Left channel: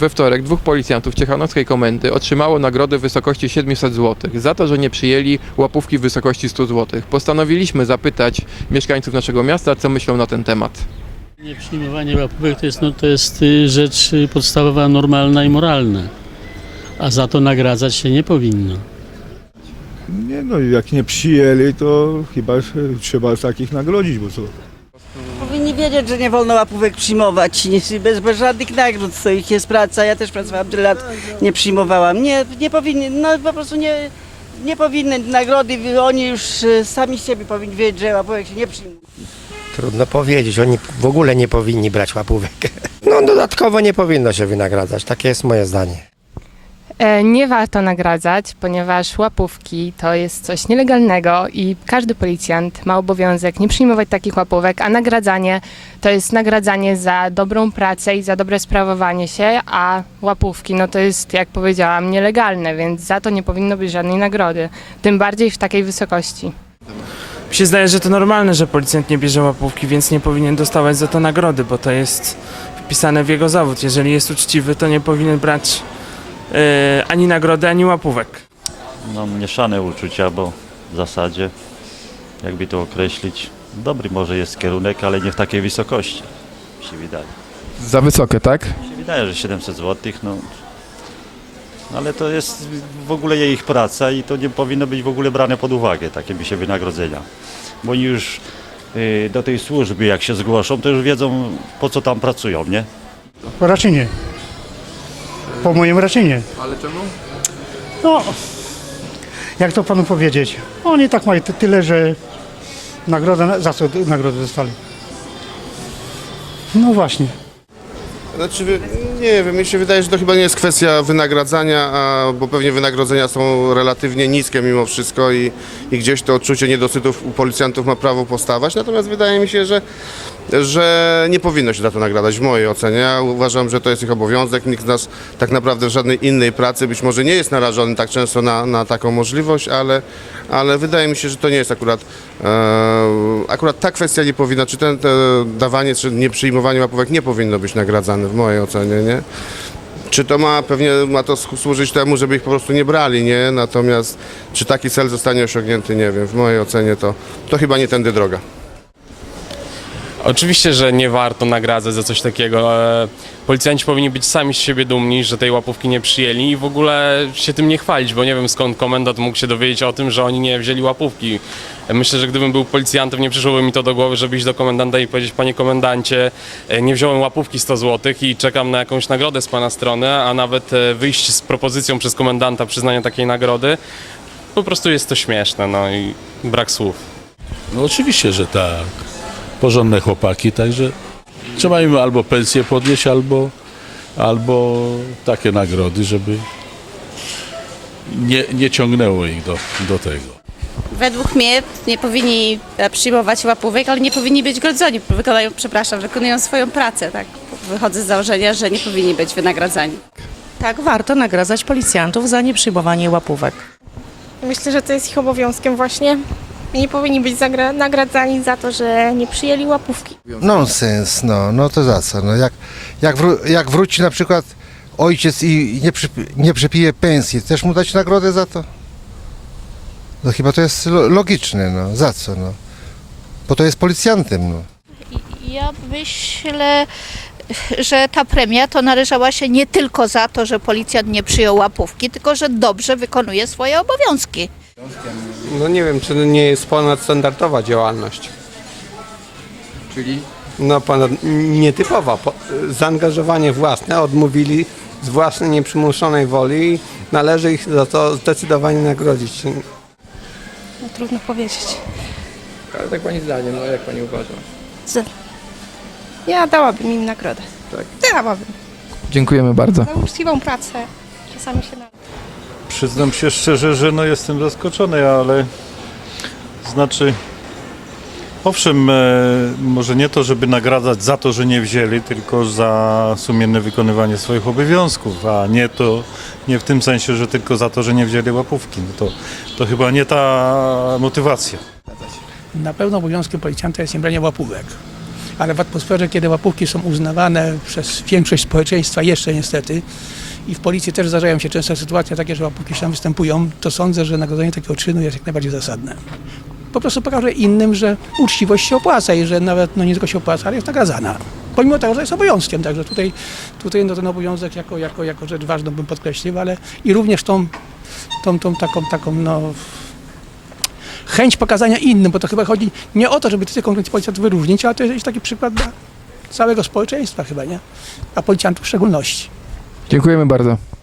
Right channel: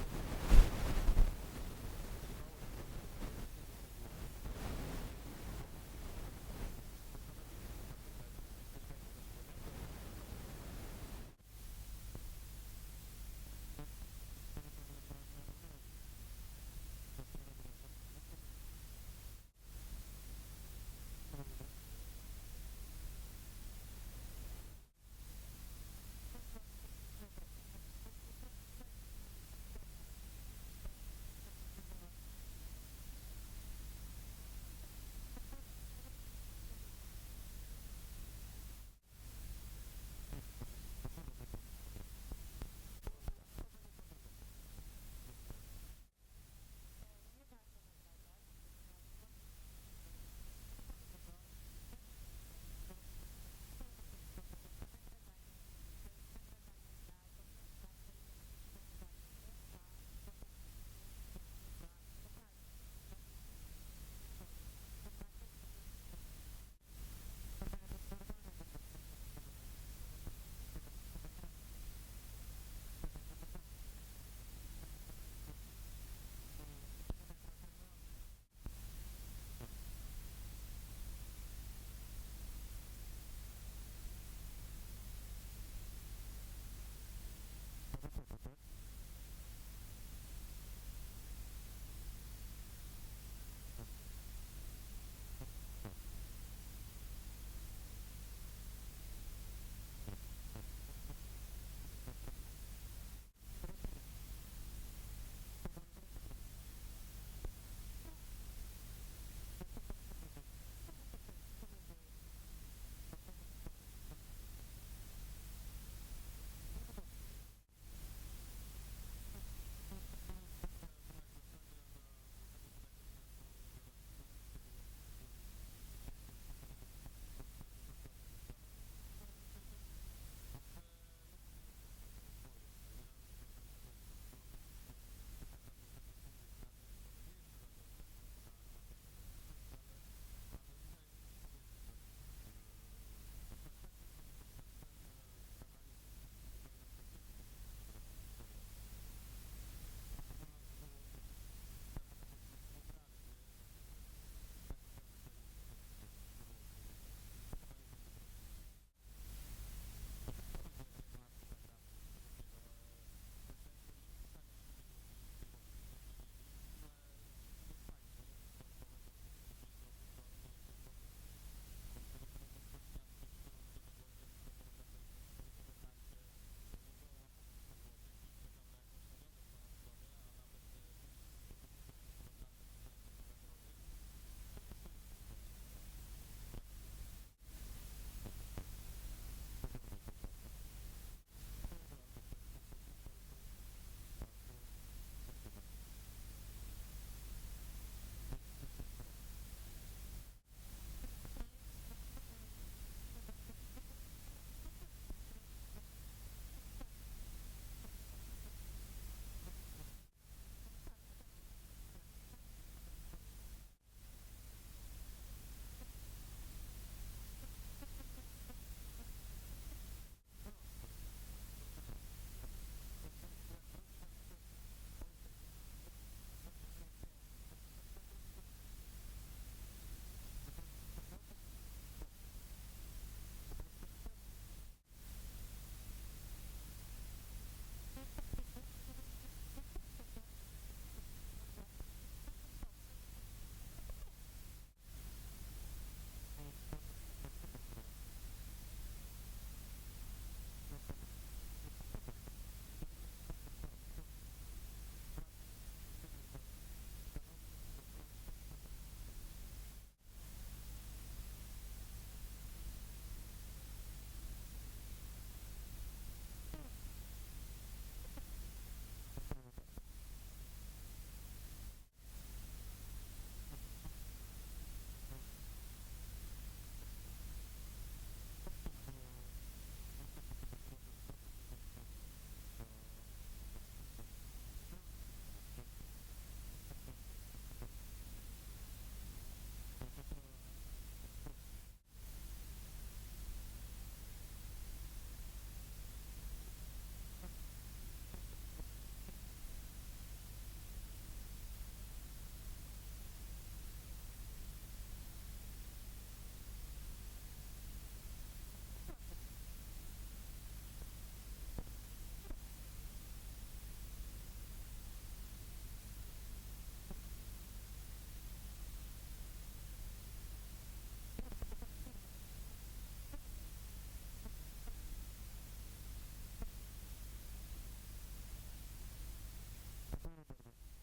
We wtorek dwóch policjantów Ciechanowskiej Komendy otrzymało nagrodę w wysokości 700 zł za to, że nie przyjęli łapówki w wysokości 100 zł. Postanowiliśmy zapytać mieszkańców naszego miasta, co myślą na ten temat. Nieprzyjmowanie łapówek to jest, no, to jest y, rzecz y, podstawowa, normalna i moralna. A za to nagradzać się nie powinno. Nie no, jak nie przyjęli, to chyba trzeba takich nagrodzić, bo co? Wiedzieć, że nie wolno łapówek przyjmować, bez, bez żadnych nagród, to ich jest praca. Ja też pracowałam tyle lat, nie przyjmowałam. Nie, nie powinni, no po prostu nie, nie powinny nagrody, oni już e, sami z siebie powinni wiedzieć, że łapówek się nie przyjmuje. Trudno powiedzieć, oni w ogóle nie powinni brać łapówek. No dodatkowo nie powinno się wynagradzać, takie jest moje zdanie. E, Nie warto nagradzać, ponieważ łapówki to jest coś nielegalnego i każdy policjant ma obowiązek nie przyjmować takich łapówek, a nagradzanie to jest nagradzanie za dobrą pracę i za dobre sprawowanie się, a łapówki no to jest, jak powiedziałam, nielegalne, więc za to nie powinno być żadnej nagrody, tym bardziej w takiej wysokości. Mi się zdaje, że to normalne, że policjant nie bierze łapówki, więc nie powinien dostawać za to nagrody, bo to jest wpisane w jego zawód. Jeżeli jest uczciwy, to nie powinien brać ani nagrody, ani łapówek. no, mieszane uczucia, bo w zasadzie, jakby to określić, dobry może jest kierunek, ale nie w takiej wysokości, mi się wydaje. Za wysokie, tak? Mi się wydaje, że 700 zł, no, ale to jest w ogóle ich praca i to nie powinno być w ogóle brane pod uwagę, takie mi się wynagrodzenia. Bo oni już y, do tej służby, jak się zgłoszą, to już wiedzą, po co tam pracują, nie? Raczej nie. Po moim raczej nie. Ale czemu? No, jak to panu powiedzieć? Oni tak mają ty- tyle, że nagrodę, za co nagrodę dostali. No właśnie. Znaczy, nie wiem, mi się wydaje, że to chyba nie jest kwestia wynagradzania, a, bo pewnie wynagrodzenia są relatywnie niskie mimo wszystko i, i gdzieś to odczucie niedosytów u policjantów ma prawo postawać. Natomiast wydaje mi się, że, że nie powinno się za to nagradzać w mojej ocenie. Ja uważam, że to jest ich obowiązek. Nikt z nas tak naprawdę w żadnej innej pracy być może nie jest narażony tak często na, na taką możliwość, ale, ale wydaje mi się, że to nie jest akurat, e, akurat ta kwestia nie powinna, czy ten te dawanie, czy nieprzyjmowanie łapówek nie powinno być nagradzane w mojej ocenie, nie? Czy to ma, pewnie ma to służyć temu, żeby ich po prostu nie brali, nie? Natomiast czy taki cel zostanie osiągnięty, nie wiem. W mojej ocenie to, to chyba nie tędy droga. Oczywiście, że nie warto nagradzać za coś takiego. E, Policjanci powinni być sami z siebie dumni, że tej łapówki nie przyjęli i w ogóle się tym nie chwalić, bo nie wiem skąd komendant mógł się dowiedzieć o tym, że oni nie wzięli łapówki. Myślę, że gdybym był policjantem, nie przyszłoby mi to do głowy, żeby iść do komendanta i powiedzieć, panie komendancie, e, nie wziąłem łapówki 100 zł i czekam na jakąś nagrodę z pana strony, a nawet e, wyjść z propozycją przez komendanta przyznania takiej nagrody. Po prostu jest to śmieszne, no i brak słów. No oczywiście, że tak. Porządne chłopaki, także trzeba im albo pensję podnieść, albo, albo takie nagrody, żeby nie, nie ciągnęło ich do, do tego. Według mnie nie powinni e, przyjmować łapówek, ale nie powinni być grodzeni. Wykonają, przepraszam, wykonują swoją pracę, tak? Wychodzę z założenia, że nie powinni być wynagradzani. Tak, warto nagradzać policjantów za nieprzyjmowanie łapówek. Myślę, że to jest ich obowiązkiem właśnie. Nie powinni być nagradzani za to, że nie przyjęli łapówki. Nonsens, no, no to za co? No jak, jak, wró- jak wróci na przykład ojciec i nie, przy, nie przepije pensji, też mu dać nagrodę za to? No chyba to jest lo- logiczne, no, za co, no? Bo to jest policjantem, no. Ja myślę, że ta premia to należała się nie tylko za to, że policjant nie przyjął łapówki, tylko że dobrze wykonuje swoje obowiązki. No nie wiem, czy nie jest ponadstandardowa działalność. Czyli No ponad, nietypowa. Po, zaangażowanie własne odmówili z własnej nieprzymuszonej woli i należy ich za to zdecydowanie nagrodzić. No, trudno powiedzieć. ale tak pani zdaniem, no jak pani uważa? Ja dałabym im nagrodę. Tak. Dałabym. Dziękujemy bardzo. Za uczciwą pracę. Czasami się na... Przyznam się szczerze, że no jestem zaskoczony, ale znaczy owszem, e, może nie to, żeby nagradzać za to, że nie wzięli, tylko za sumienne wykonywanie swoich obowiązków, a nie to, nie w tym sensie, że tylko za to, że nie wzięli łapówki. No to, to chyba nie ta motywacja. Na pewno obowiązkiem policjanta jest nie branie łapówek. ale w atmosferze, kiedy łapówki są uznawane przez większość społeczeństwa jeszcze niestety i w policji też zdarzają się często sytuacje takie, że łapówki się tam występują, to sądzę, że nagrodzenie takiego czynu jest jak najbardziej zasadne. Po prostu pokaże innym, że uczciwość się opłaca i że nawet no nie tylko się opłaca, ale jest nagradzana. Pomimo tego, że jest obowiązkiem, także tutaj, tutaj no, ten obowiązek jako, jako, jako rzecz ważną bym podkreślił, ale i również tą, tą, tą taką, taką no, chęć pokazania innym, bo to chyba chodzi nie o to, żeby tych konkretnych policjantów wyróżnić, ale to jest taki przykład dla całego społeczeństwa chyba, nie? A policjantów w szczególności. Dziękujemy bardzo.